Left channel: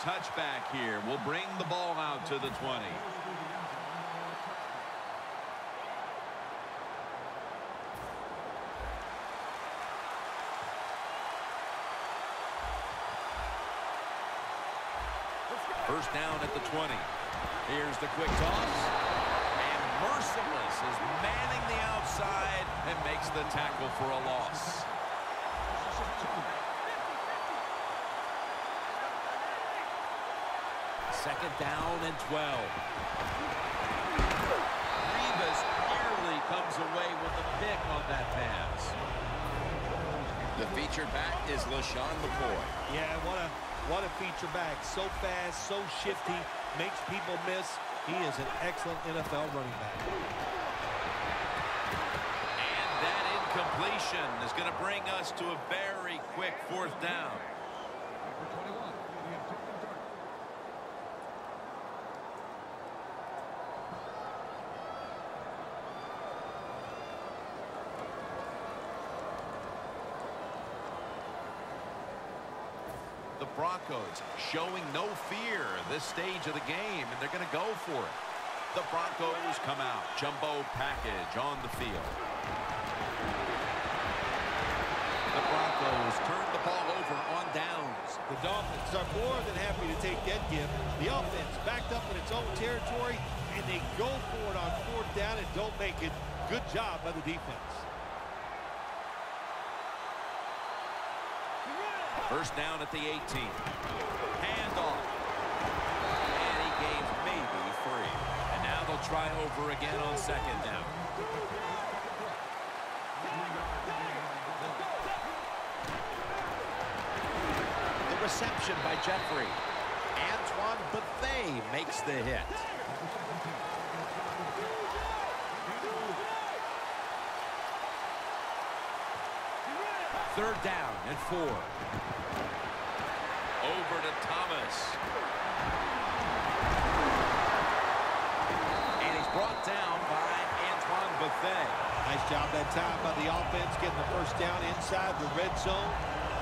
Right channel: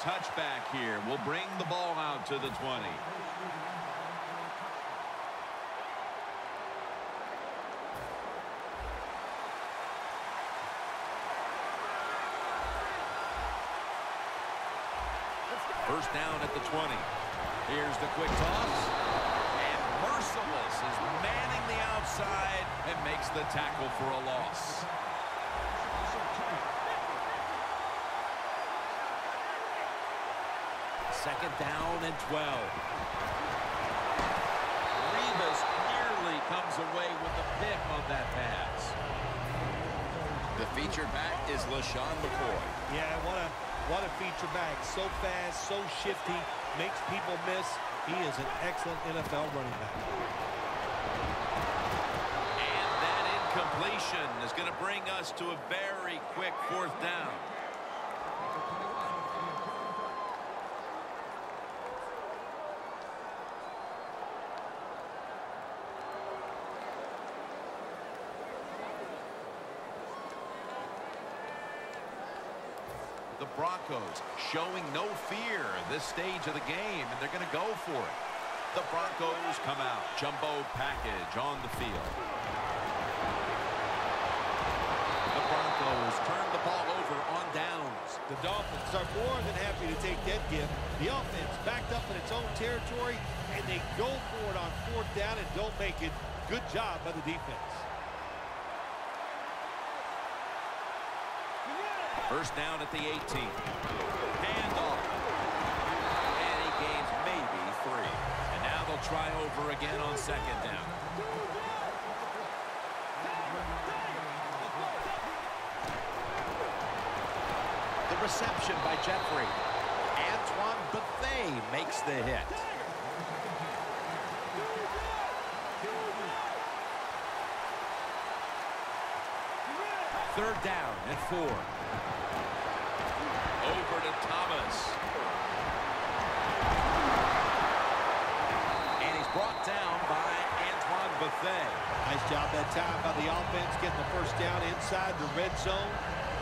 touchback here will bring the ball out to the 20. First down at the 20. Here's the quick toss. And Merciless is manning the outside and makes the tackle for a loss. Second down and 12. Rivas nearly comes away with the pick on that pass. The featured back is LaShawn McCoy. Yeah, what a feature back. So fast, so shifty, makes people miss. He is an excellent NFL running back. And that incompletion is going to bring us to a very quick fourth down. The Broncos showing no fear this stage of the game, and they're going to go for it. The Broncos come out. Jumbo package on the field. The Broncos turn the ball over on downs. The Dolphins are more than happy to take that gift. The offense backed up in its own territory, and they go for it on fourth down and don't make it. Good job by the defense. First down at the 18. Handoff. And he gains maybe 3. And now they'll try over again on second down. The reception by Jeffrey. Antoine Bethea makes the hit. Third down and 4. Over to Thomas. And he's brought down by Antoine Bethea. Nice job that time by the offense getting the first down inside the red zone.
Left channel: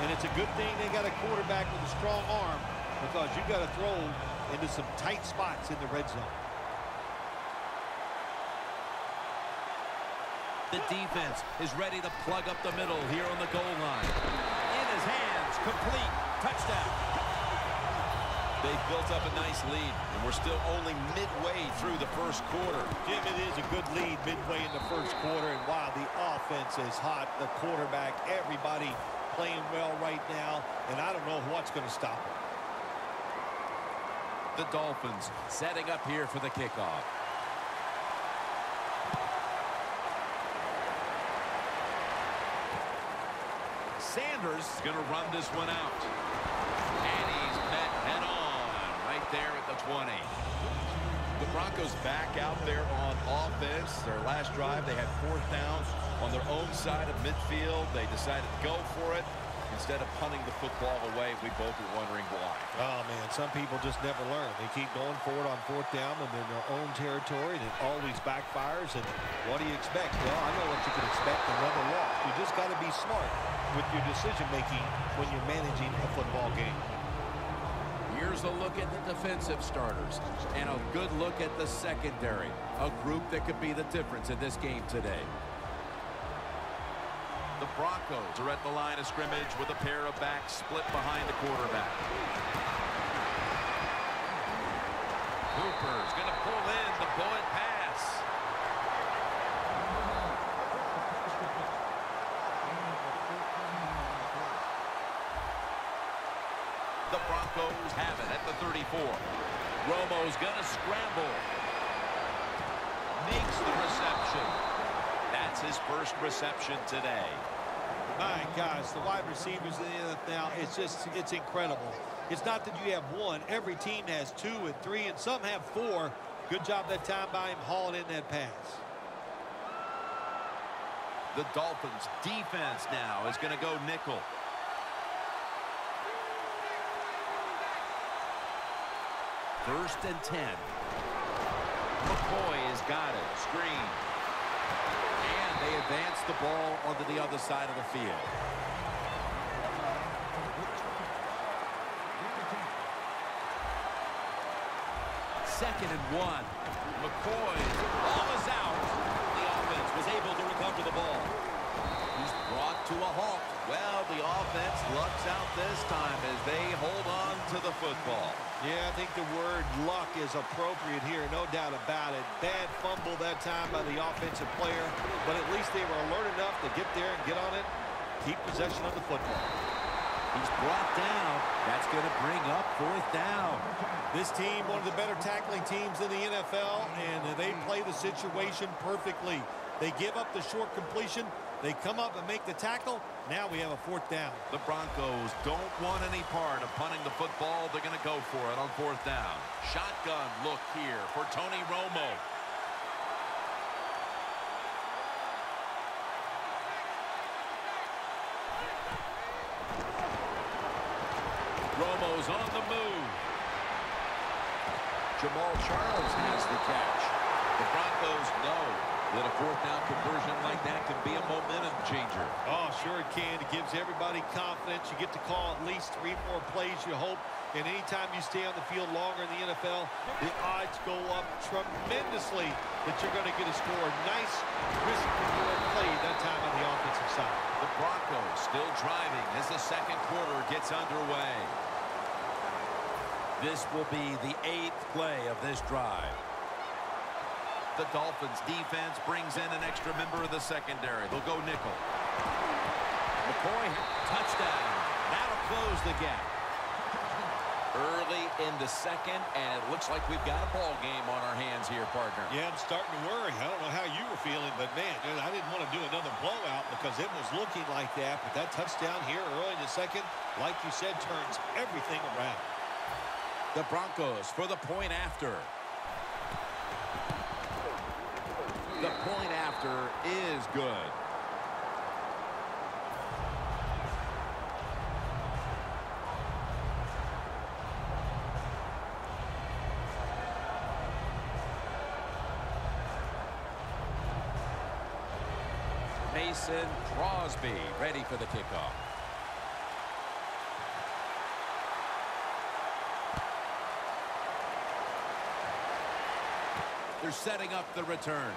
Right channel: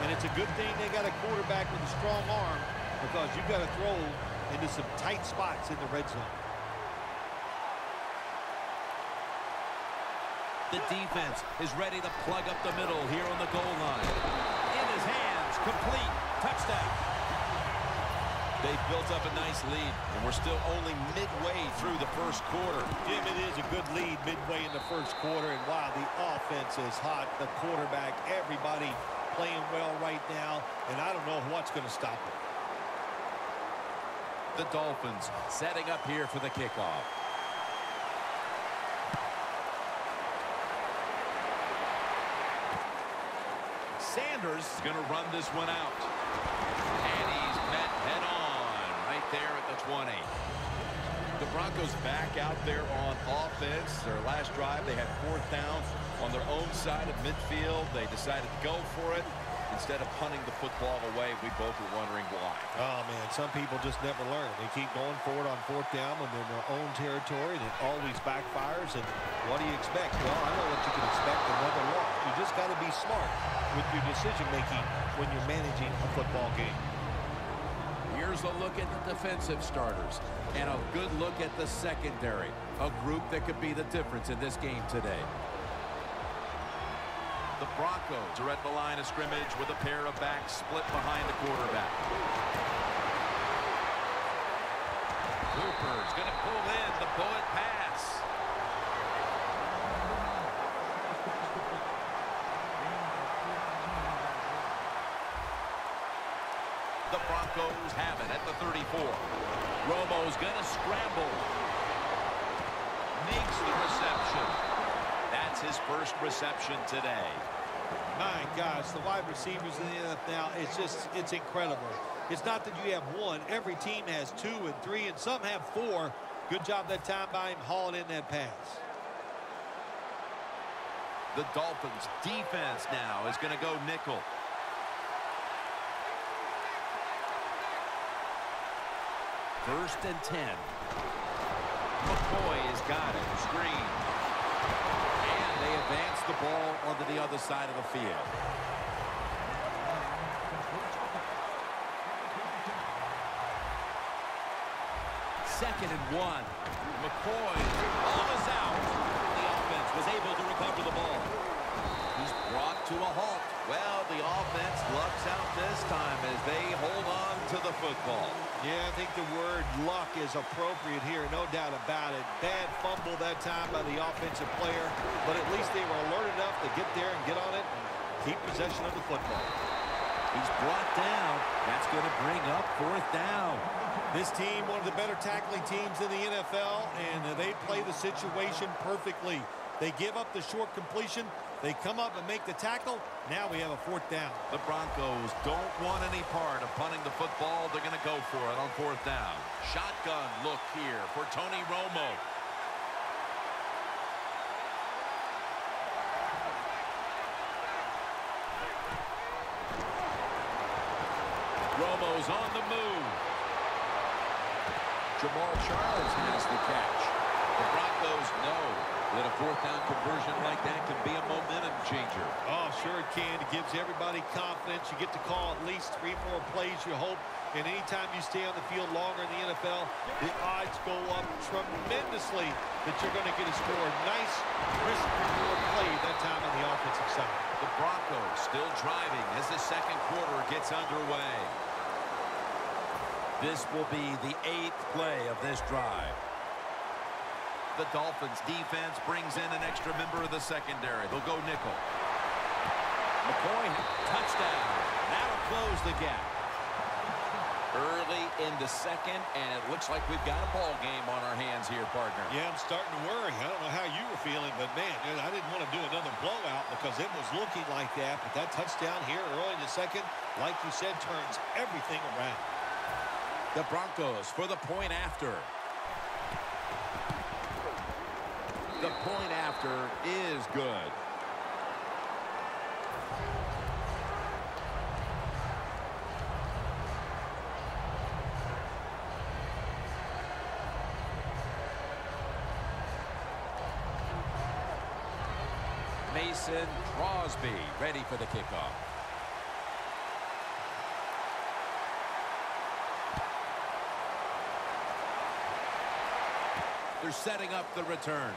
And it's a good thing they got a quarterback with a strong arm, because you got to throw into some tight spots in the red zone. The defense is ready to plug up the middle here on the goal line. In his hands, complete, touchdown. They've built up a nice lead, and we're still only midway through the first quarter. Jim, it is a good lead midway in the first quarter, and wow, the offense is hot. The quarterback, everybody playing well right now, and I don't know what's going to stop them. The Dolphins setting up here for the kickoff. Sanders is going to run this one out. And he's met head-on right there at the 20. The Broncos back out there on offense. Their last drive, they had fourth down on their own side of midfield. They decided to go for it instead of punting the football away. We both were wondering why. Oh, man, some people just never learn. They keep going for it on fourth down when they're in their own territory, and it always backfires. And what do you expect? Well, I know what you can expect, another loss. You just got to be smart with your decision-making when you're managing a football game. Here's a look at the defensive starters and a good look at the secondary, a group that could be the difference in this game today. The Broncos are at the line of scrimmage with a pair of backs split behind the quarterback. Cooper's going to pull in the bullet pass. The Broncos have it at the 34. Romo's going to scramble. Makes the reception. That's his first reception today. My gosh, the wide receivers in the NFL, it's incredible. It's not that you have one. Every team has 2 and 3, and some have 4. Good job that time by him hauling in that pass. The Dolphins defense now is going to go nickel. First and 10. McCoy has got it. Screen. And they advance the ball onto the other side of the field. 2nd and 1. McCoy's ball is out. The offense was able to recover the ball. He's brought to a halt. Well, the offense lucks out this time as they hold on to the football. Yeah, I think the word luck is appropriate here, no doubt about it. Bad fumble that time by the offensive player, but at least they were alert enough to get there and get on it and keep possession of the football. He's brought down. That's going to bring up 4th down. This team, one of the better tackling teams in the NFL, and they play the situation perfectly. They give up the short completion. They come up and make the tackle. Now we have a 4th down. The Broncos don't want any part of punting the football. They're going to go for it on 4th down. Shotgun look here for Tony Romo. Romo's on the move. Jamal Charles has the catch. The Broncos know that a 4th down conversion like that can be a momentum changer. Oh, sure it can. It gives everybody confidence. You get to call at least 3 more plays, you hope. And anytime you stay on the field longer in the NFL, the odds go up tremendously that you're going to get a score. Nice risk-reward play that time on the offensive side. The Broncos still driving as the 2nd quarter gets underway. This will be the 8th play of this drive. The Dolphins defense brings in an extra member of the secondary. They'll go nickel. McCoy, touchdown. That'll close the gap. Early in the 2nd, and it looks like we've got a ball game on our hands here, partner. Yeah, I'm starting to worry. I don't know how you were feeling, but, man, I didn't want to do another blowout because it was looking like that. But that touchdown here early in the 2nd, like you said, turns everything around. The Broncos for the point after. The point after is good. Mason Crosby ready for the kickoff. They're setting up the return.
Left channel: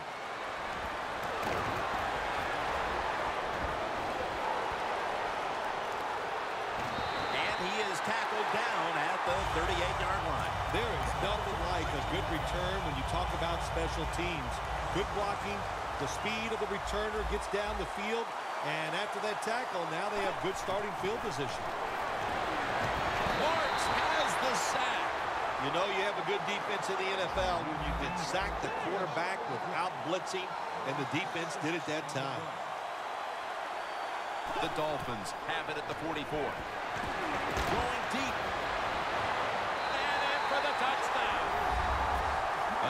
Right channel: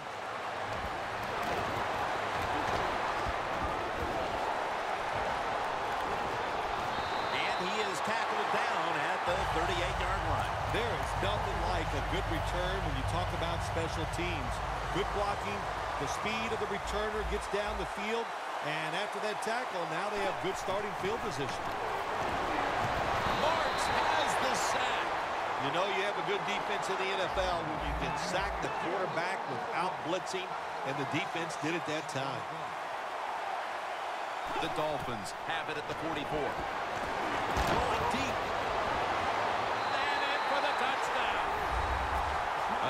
He is tackled down at the 38-yard line. There is nothing like a good return when you talk about special teams. Good blocking, the speed of the returner gets down the field, and after that tackle, now they have good starting field position. Marks has the sack. You know you have a good defense in the NFL when you can sack the quarterback without blitzing, and the defense did it that time. The Dolphins have it at the 44. Going deep. And in for the touchdown.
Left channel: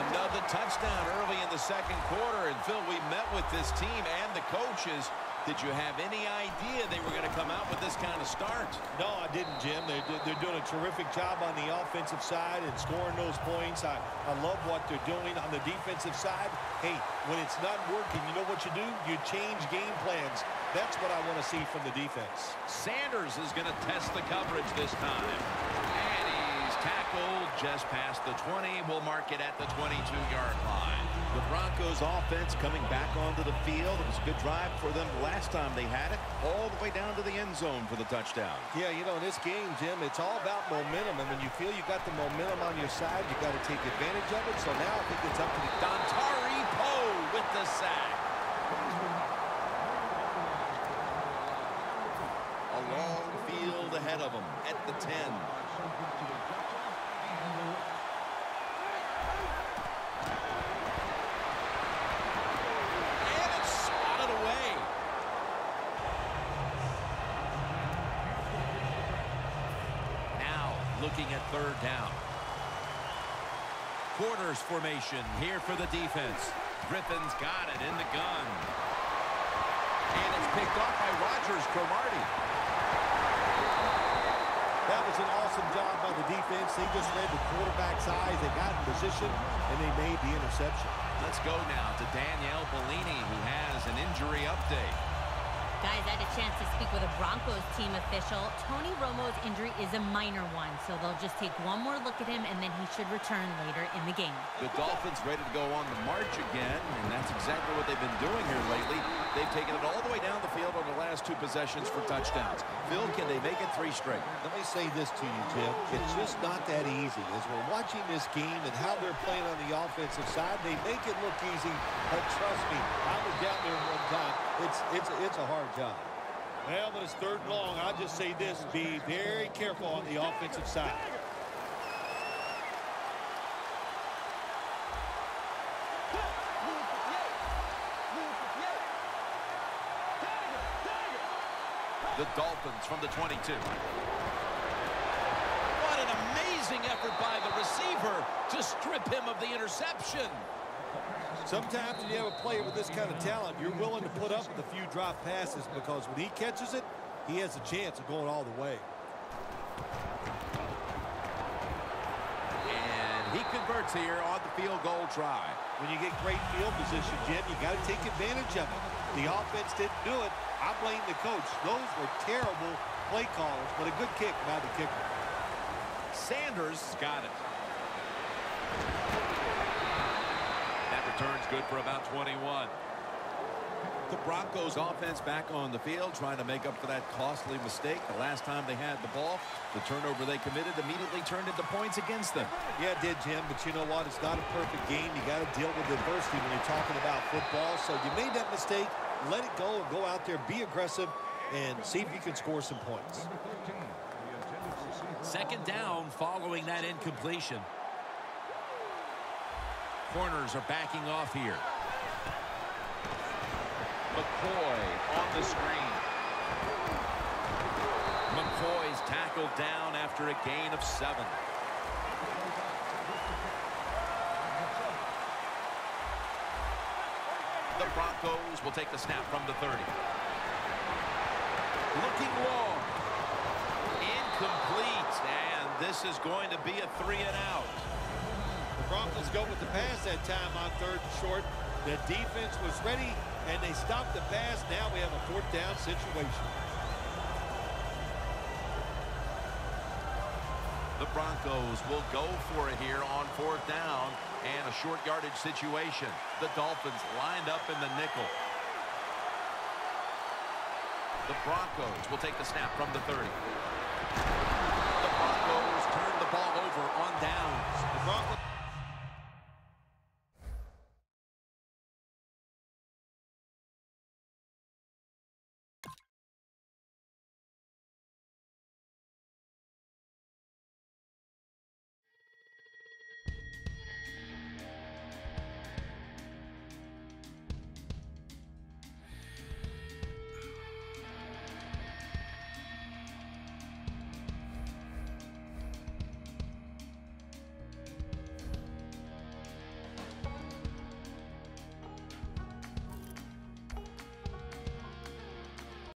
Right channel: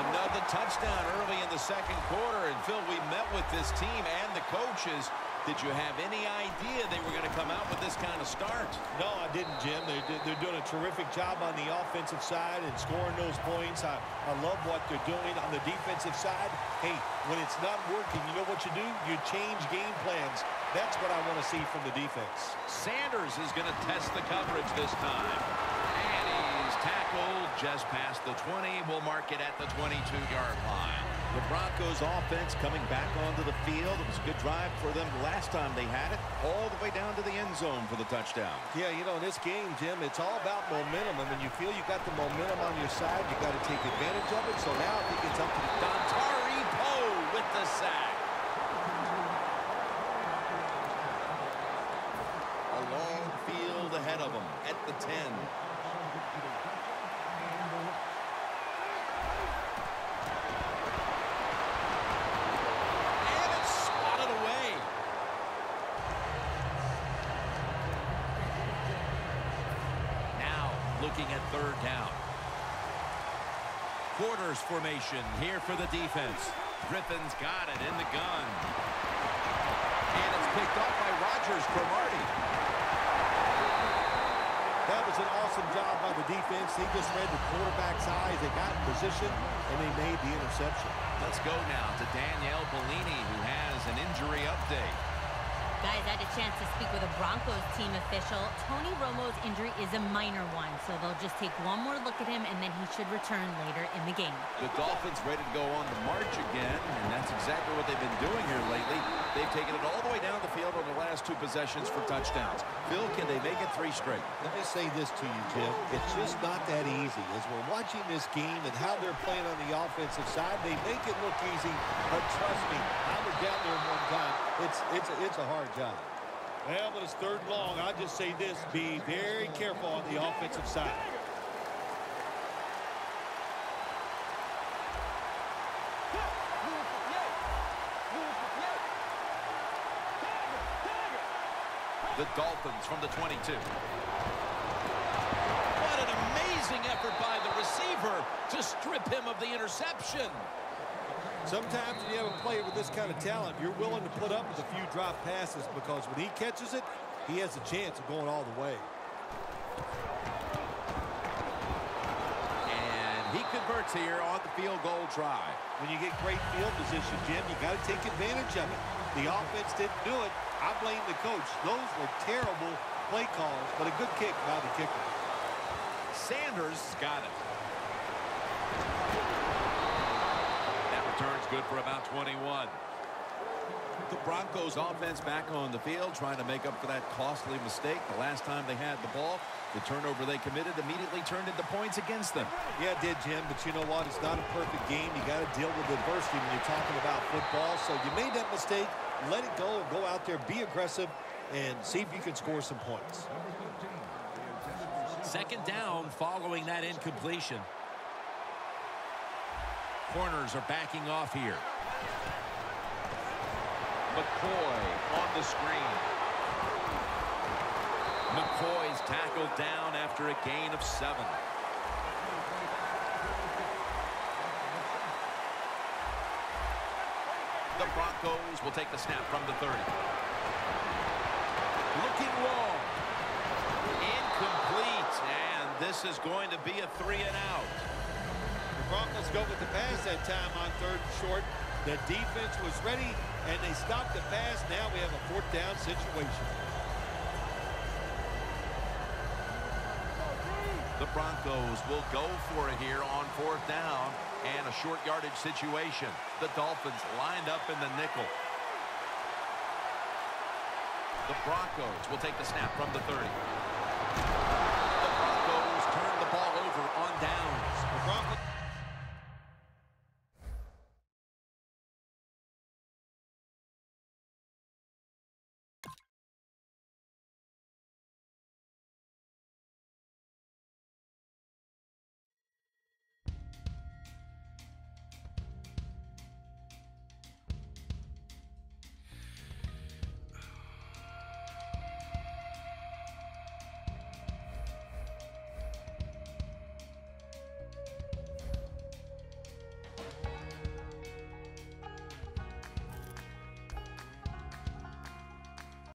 Another touchdown early in the 2nd quarter. And, Phil, we met with this team and the coaches. Did you have any idea they were going to come out with this kind of start? No, I didn't, Jim. They're doing a terrific job on the offensive side and scoring those points. I love what they're doing on the defensive side. Hey, when it's not working, you know what you do? You change game plans. That's what I want to see from the defense. Sanders is going to test the coverage this time. And he's tackled just past the 20. We'll mark it at the 22-yard line. The Broncos offense coming back onto the field. It was a good drive for them last time they had it, all the way down to the end zone for the touchdown. Yeah, you know, in this game, Jim, it's all about momentum. And when you feel you got the momentum on your side, you got to take advantage of it. So now I think it's up to the Dontari Poe with the sack. A long field ahead of them at the 10. Away. Now looking at 3rd down. Quarters formation here for the defense. Griffin's got it in the gun. And it's picked off by Rodgers Cromartie. That was an awesome job by the defense. They just read the quarterback's eyes. They got in position, and they made the interception. Let's go now to Danielle Bellini, who has an injury update. Guys, I had a chance to speak with a Broncos team official. Tony Romo's injury is a minor one, so they'll just take one more look at him, and then he should return later in the game. The Dolphins ready to go on the march again, and that's exactly what they've been doing here lately. They've taken it all the way down the field on the last 2 possessions for touchdowns. Phil, can they make it 3 straight? Let me say this to you, Jim. It's just not that easy. As we're watching this game and how they're playing on the offensive side, they make it look easy, but trust me, I was down there one time. It's a hard job. Well, but it's 3rd and long. I'll just say this, be very careful on the offensive side. The Dolphins from the 22. What an amazing effort by the receiver to strip him of the interception. Sometimes when you have a player with this kind of talent, you're willing to put up with a few drop passes because when he catches it, he has a chance of going all the way. And he converts here on the field goal try. When you get great field position, Jim, you got to take advantage of it. The offense didn't do it. I blame the coach. Those were terrible play calls, but a good kick by the kicker. Sanders got it. That return's good for about 21. The Broncos offense back on the field trying to make up for that costly mistake. The last time they had the ball, the turnover they committed immediately turned into points against them. Yeah, it did, Jim, but you know what? It's not a perfect game. You got to deal with adversity when you're talking about football. So you made that mistake, let it go, and go out there, be aggressive, and see if you can score some points. 2nd down following that incompletion. Corners are backing off here. McCoy on the screen. McCoy's tackled down after a gain of 7. The Broncos will take the snap from the 30. Looking long. Incomplete. And this is going to be a 3-and-out. The Broncos go with the pass that time on 3rd and short. The defense was ready, and they stopped the pass. Now we have a 4th down situation. The Broncos will go for it here on 4th down and a short yardage situation. The Dolphins lined up in the nickel. The Broncos will take the snap from the 30.